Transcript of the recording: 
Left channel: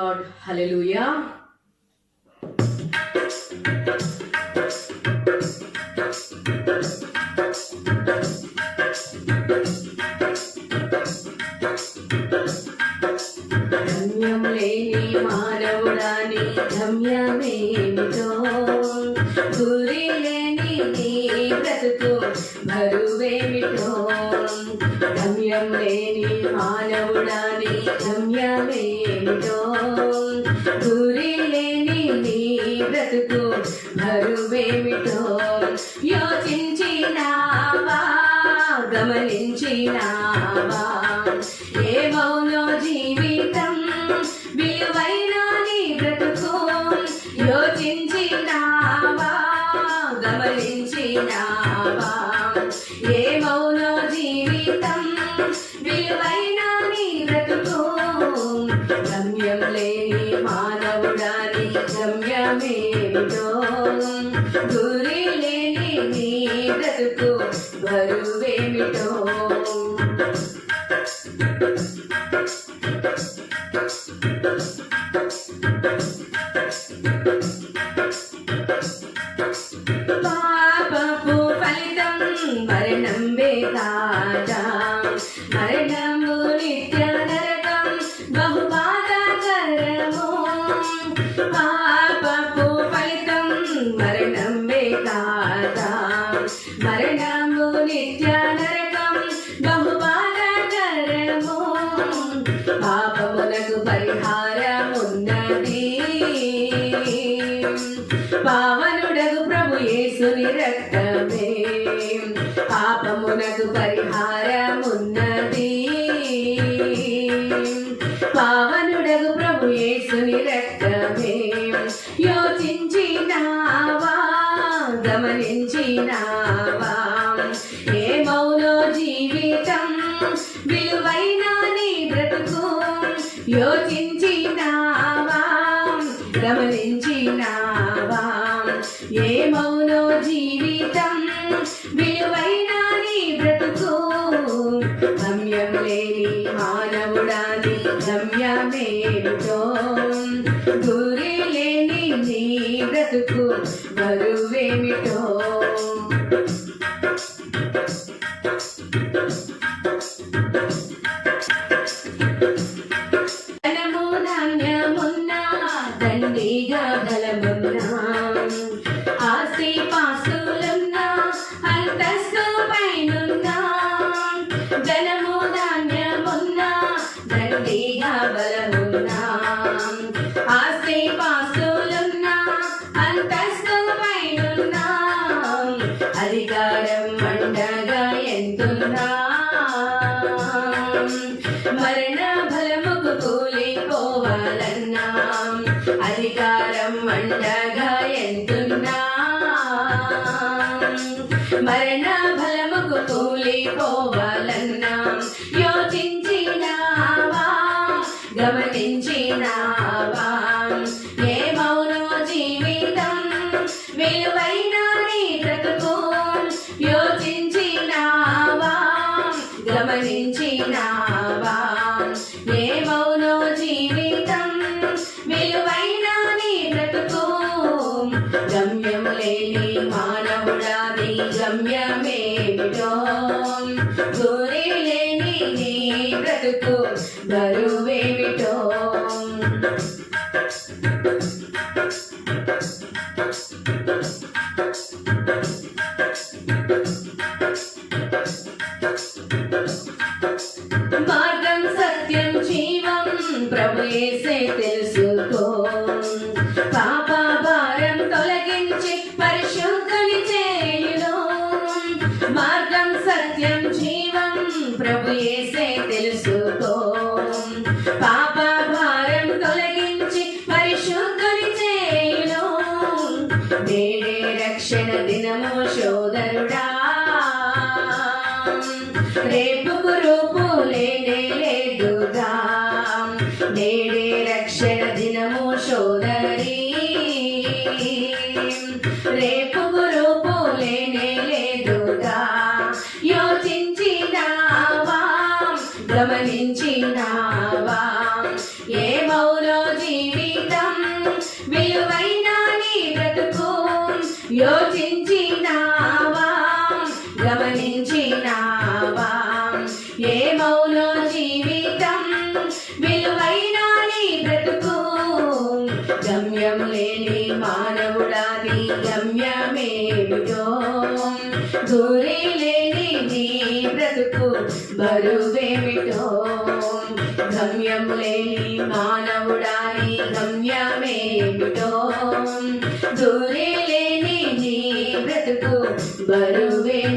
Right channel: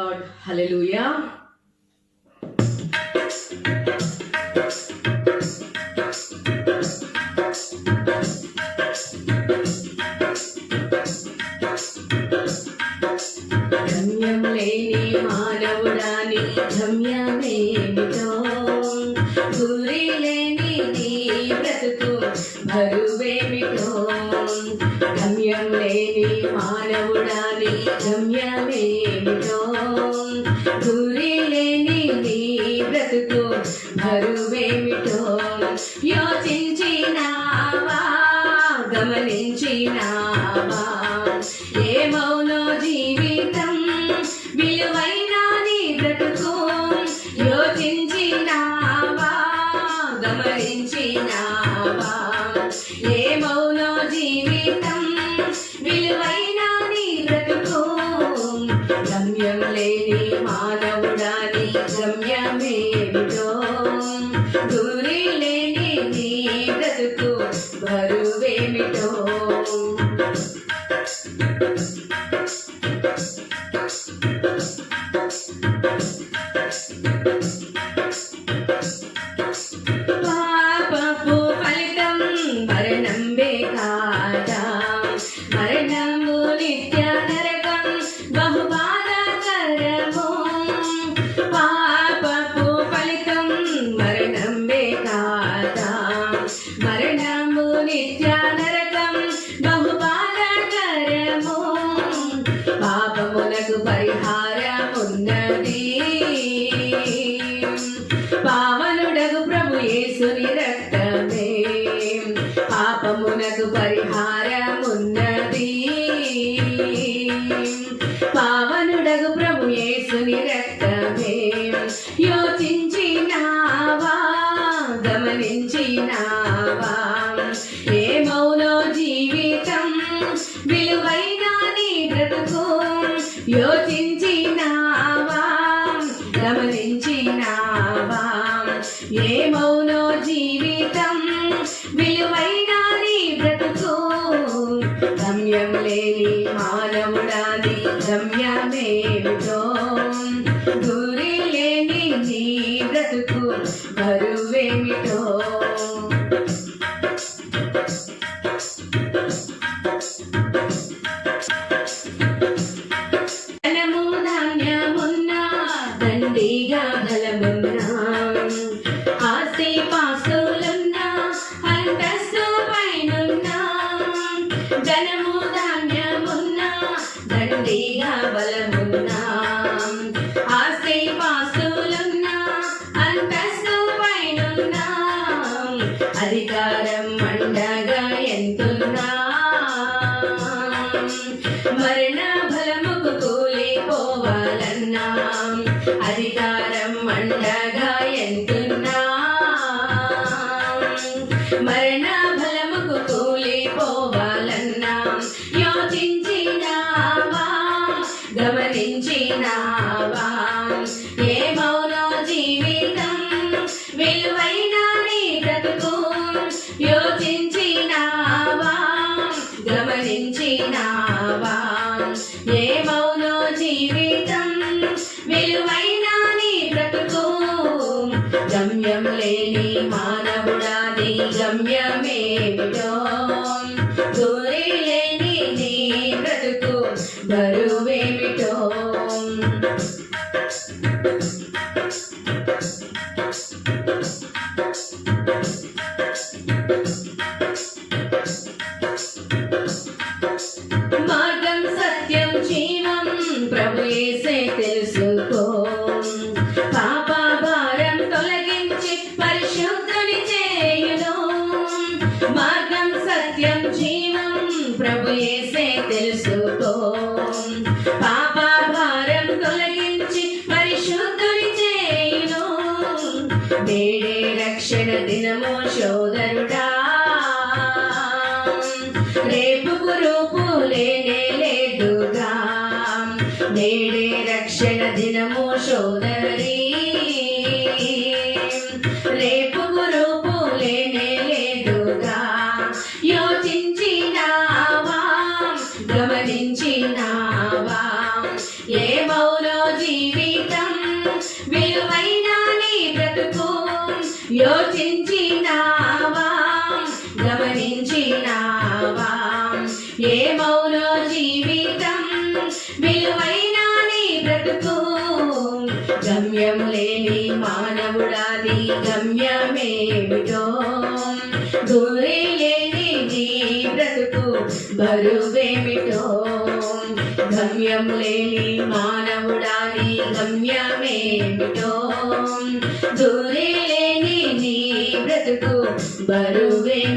Lord, hallelujah. గమ్యం లేని మానవుడాని గమ్యమేమిటో, గురి లేని నీ బ్రతుకు బరువేమిటో. గమ్యం లేని మానవుడాని గమ్యమేమిటో, గురి లేని నీ బ్రతుకు బరువేమిటో. యోచించినావా, గమనించినావా, ఏమౌనో జీవితం విలువైన నీ బ్రతుకు. యోచించినావా, గమనించినావా, ఏమౌనో జీవితం విలువైన నీ బ్రతుకు. గమ్యం లేని మానవుడాని గమ్యమేమిటో, గురి లేని నీ బ్రతుకు బరువేమిటో. పాపపు ఫలితం మరణంబే కాదా, మరణము నిత్య నరకం బహు బాధాకరము. పాపపు ఫలితం మరణంబే కాదా, మరణము నిత్య నరకం బహు బాధాకరము. పాపములకు పరిహారమున్నది, పావనుడగు ప్రభు యేసుని రక్తమే. పాపమునకు పరిహారమున్నది, పావనుడగు ప్రభు యేసుని రక్తమే. యోచించినావా, గమనించినావా, ఏమౌనో జీవితం విలువైన నీ బ్రతుకు. యోచించినావా, గమనించినావా, ఏమౌనో జీవితం విలువైన నీ బ్రతుకు. గమ్యం లేని మానవుడాని గమ్యమేమిటో, గురి లేని నీ బ్రతుకు బరువేమిటో. ధనము ధాన్యమున్నా, దండిగా బలమున్నా, ఆస్తి పాస్తులున్నా, అంతస్తు పైనున్నా. ధనము ధాన్యమున్నా, దండిగా బలమున్నా, ఆస్తి పాస్తులున్నా, అంతస్తు పైనున్నా. అధికారం మండగా ఎంతున్నా, మరణ బలముకు కూలిపోవాలన్నా. అధికారం మండగా ఎంతున్నా, మరణ బలముకు కూలిపోవాలన్నా. యోచించినావా, గమనించినావా, ఏమౌనో జీవితం విలువైన నీ బ్రతుకు. యోచించినావా, గమనించినావా, ఏమౌనో జీవితం విలువైన నీ బ్రతుకు. గమ్యం లేని మానవుడాని గమ్యమేమిటో, గురి లేని నీ బ్రతుకు బరువేమిటో. మార్గం సత్యం జీవం ప్రభు యేసే తెలుసుకో. పాప భారం తొలగించి పరిశుద్ధుని చేయును. మార్గం సత్యం జీవం ప్రభు యేసే తెలుసుకో. పాప భారం తొలగించి పరిశుద్ధుని చేయును. నేడే రక్షణ దినము సోదరుడా, రేపుకు రూపు లేనే లేదుగా. నేడే రక్షణ దినము సోదరి, రేపుకు రూపు లేనే లేదుగా. యోచించినావా, గమనించినావా, ఏమౌనో జీవితం యోచించినావా గమనించినావా ఏమౌనో జీవితం విలువైన నీ బ్రతుకు గమ్యం లేని మానవుడాది గమ్యమేమిటో గురి లేని నీ బ్రతుకు బరువేమిటో గమ్యం లేని మానవుడాది గమ్యమేమిటో గురి లేని నీ బ్రతుకు బరువేమిటో